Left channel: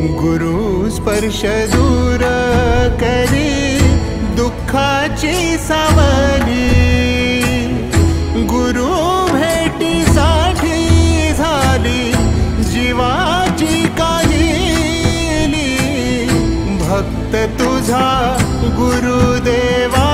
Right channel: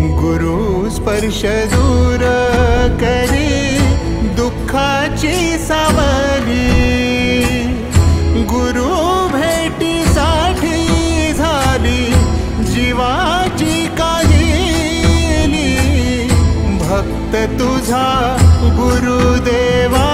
गुरु स्पर्श दूर करी दुःखाची सावली, गुरु भेटीसाठी झाली जीवाची काहिली। भक्त तुझा गुरुदेवा